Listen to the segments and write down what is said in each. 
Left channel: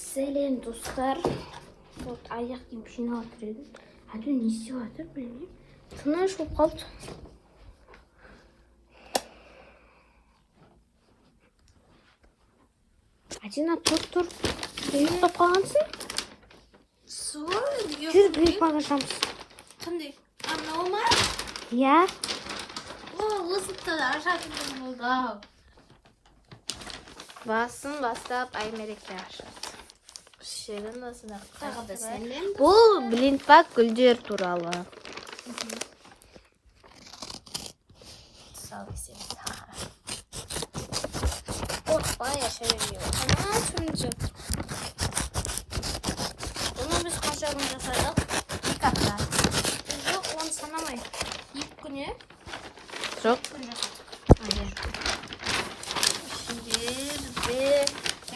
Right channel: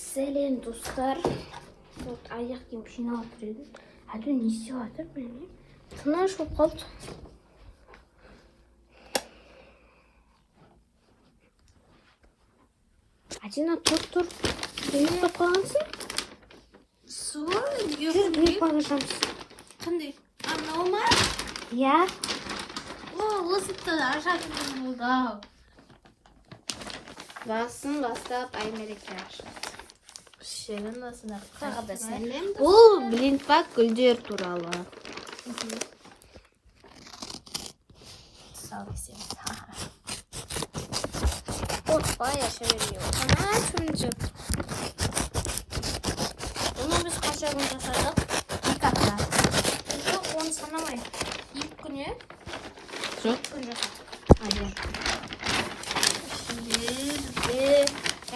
Сәлем достар. Вот аяқ киім жинап келдім. Әлі не істеп жатыр білмеймін. Шуны ашып қалды. Адина тұр. Ұйықтап қалғансың? Жүр бір бағашамыз. Қандай? Ма? Иә. Осыптан ашатын болды. Басын бастап Аймереке ашады. Сенің басына. Тағы да сенмен. Бұл блинпак гүлдер туралы. Сал сен. Опа, шөyle. Шөyle. Bunu biz kaçarını жасадық. İlk hafta. Yok, onu sanamay. İlk günü. Жоқ. Hayır.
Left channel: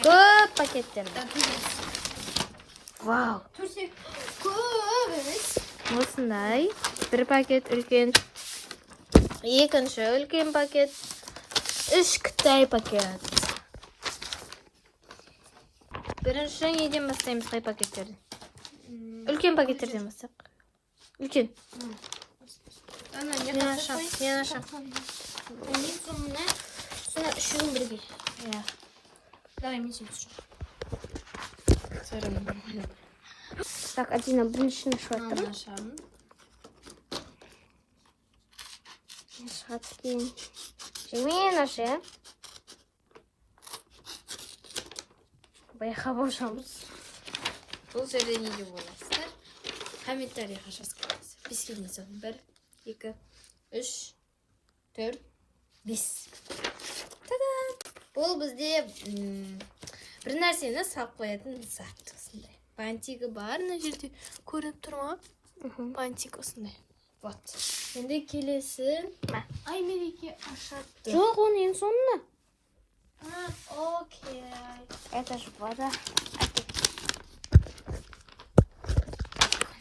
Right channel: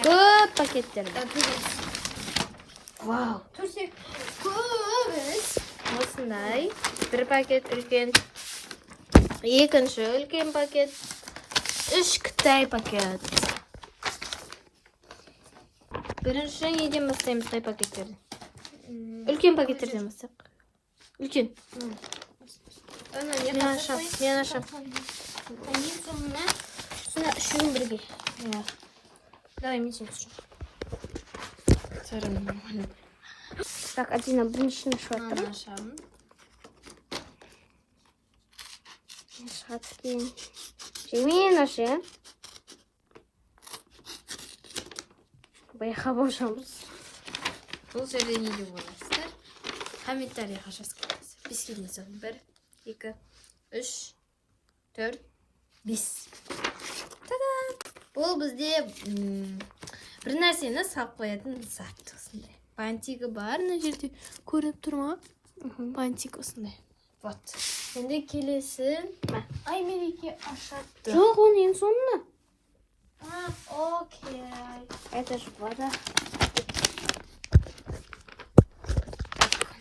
Көп пакеттер. Вау. Көрсек. Осындай. Бір пакет үлкен. Екінші үлкен пакет. 3 кітай пакет. Бірінші неден бастаймыз қай пакеттерден? Үлкен пакеттерден бастайық. Үлкен. Мен ашам. Sonra şunu birge. Ya. Давай, мен сен түсін. Так, Адина, bunun içine şu attırım. Ашамын. Шаткен. Жемейін ашайын. Байқа бошамыз. Бұл жерде не де боласың? Комментарийға жазыңыз. Бес келесің. 1, 2, 3, 4, 5. Бұл бізде бір нәрсені салып қоятын зат осындай. Бантигі бар, мына жерде көріп тұр ма? Бантик осындай. Вот. Енді келесін. Аймереке ашатты. Жоқ, он ең соңына. Окей. Это же вода.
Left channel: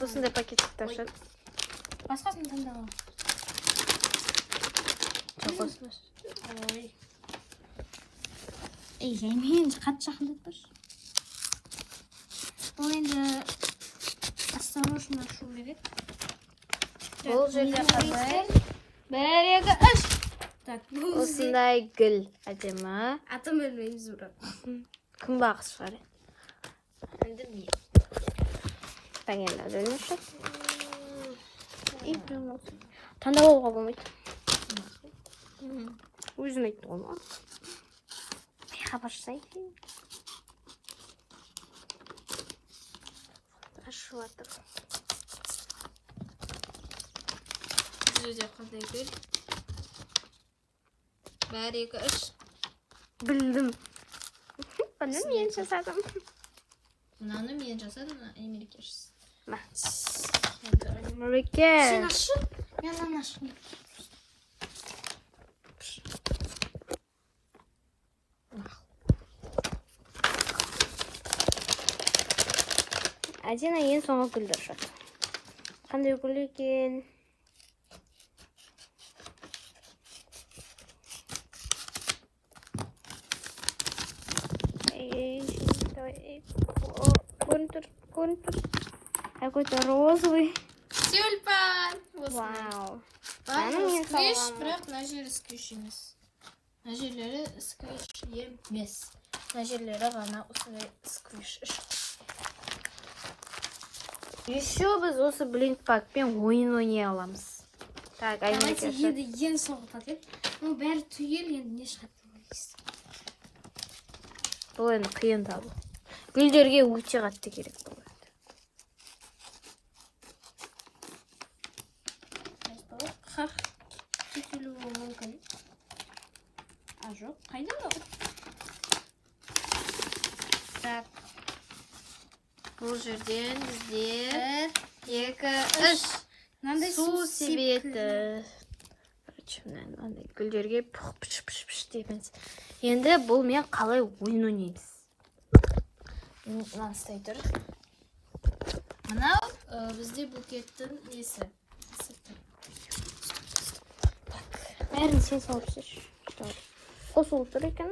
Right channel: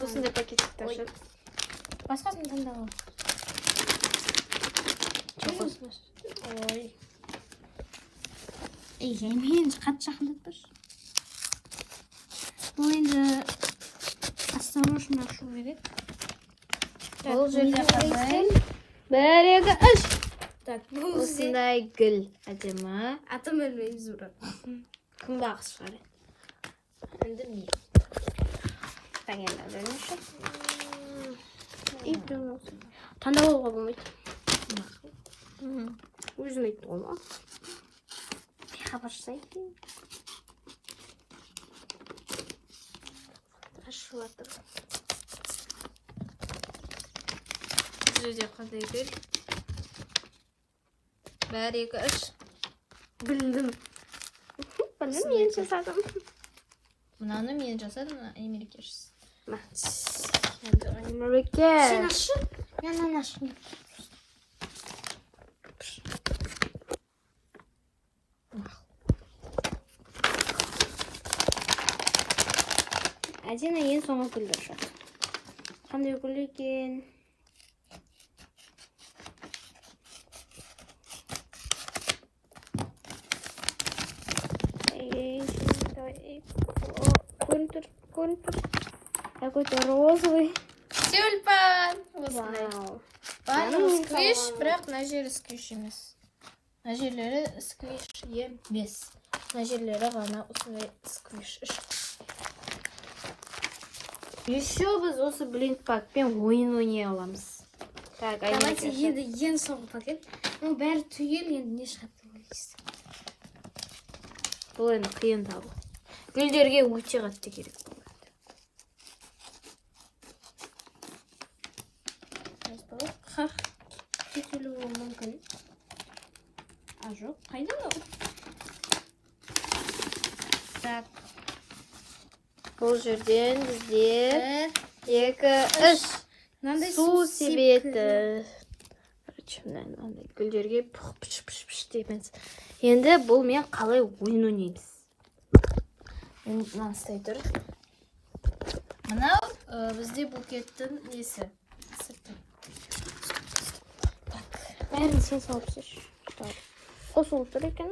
Осындай пакетикті ашады. Басқасын таңдалам. Жоқ, осыны. Ой. Ей, сен енді қатты жақындап тұршы. Бұл енді осторожно ашу керек. Бұл жерде қойсын. 1, 2, 3. Так, Осындай гүл әдемі. атым өлмейміз бұрын. Күнбағыс шығар. Енді не? Таңена бөлінші. Таңдап алуға болмайды. Өзім айтты ғой ма? Хабаршысайын. Ашып атыр. Жүзде қандай гүл? 1, 2, 3. Білдім. Бұны мен жасадым. Мынаны мен жасадым, Аймереке жасады. Ма. Сен Аймереке. ашы? Мен ашым. Адина ең соңғы гүлдер жатыр. Қандай гүл екен? Контур. Какой-то розовый. Тюльпан! Вау. Барлығы сквиш, бірақ мына жері сквиш емес. Мына жерлері сквиш емес. Мына жерлері ғана осындай сквиш. Еще біз осы блинпакпен ойын ойнай аламыз. Так, Давайте Аймереке. енді ең соңғы пакет. Бұл бәрі түгел, енді не шығады ойлайсыз. Бұл енді қиын табу. Гүлдерге өте қатты керек болады. Ха, кетелі болуы мүмкін. Жоқ, қайда ол? Так, Бұл жерден бізде 2, 3 мынандай су себеді. Мынандай гүлдерге пұш дейміз. Енді бұл мен қалай ойын ойнаймыз. Мынастай тұр. Мынау бізде букеттің несі. Бәрін сен салып жүр. Қосылып тұр екен.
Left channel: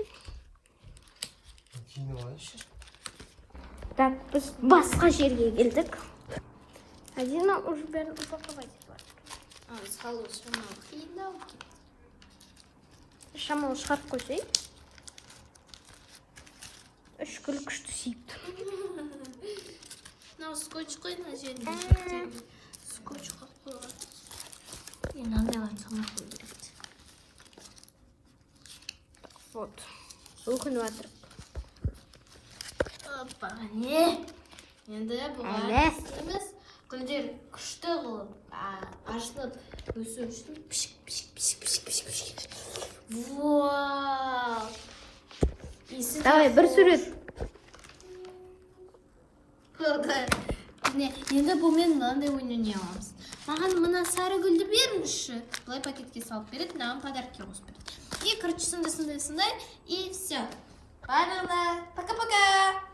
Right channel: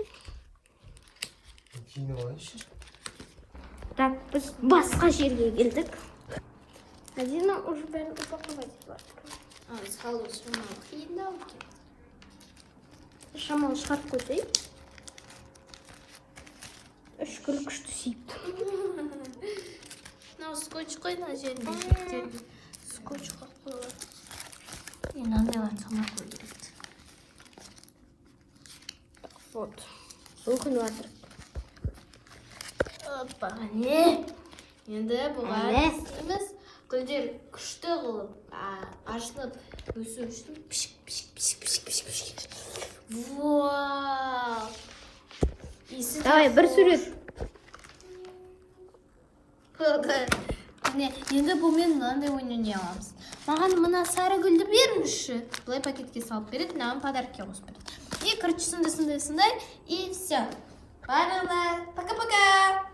Так, біз басқа жерге келдік. Азина уже бәрін упаковать бар. Біз қалу шамалы күйінде алып. Шамалы шығарып қойсай. 3 күн күшті сейіп. Мынау скотч қой, мына жерінде. Скотч қойып. Мынандайларды салмақ қою керек. Вот. Өкініп жатыр. Опа, не? Енді бұға істейміз. Гүлдер күшті қылып, ашылып, өсу үшін пішік. Вау! Давай, бір сурет. Енді бұмен мынандай ойнай аламыз. Маған мына сары гүлді беріңізші. Бұлай пакетке салып береді, маған подаркке қосып береді. И, короче, сондай. И все. Барлығына пока-пока!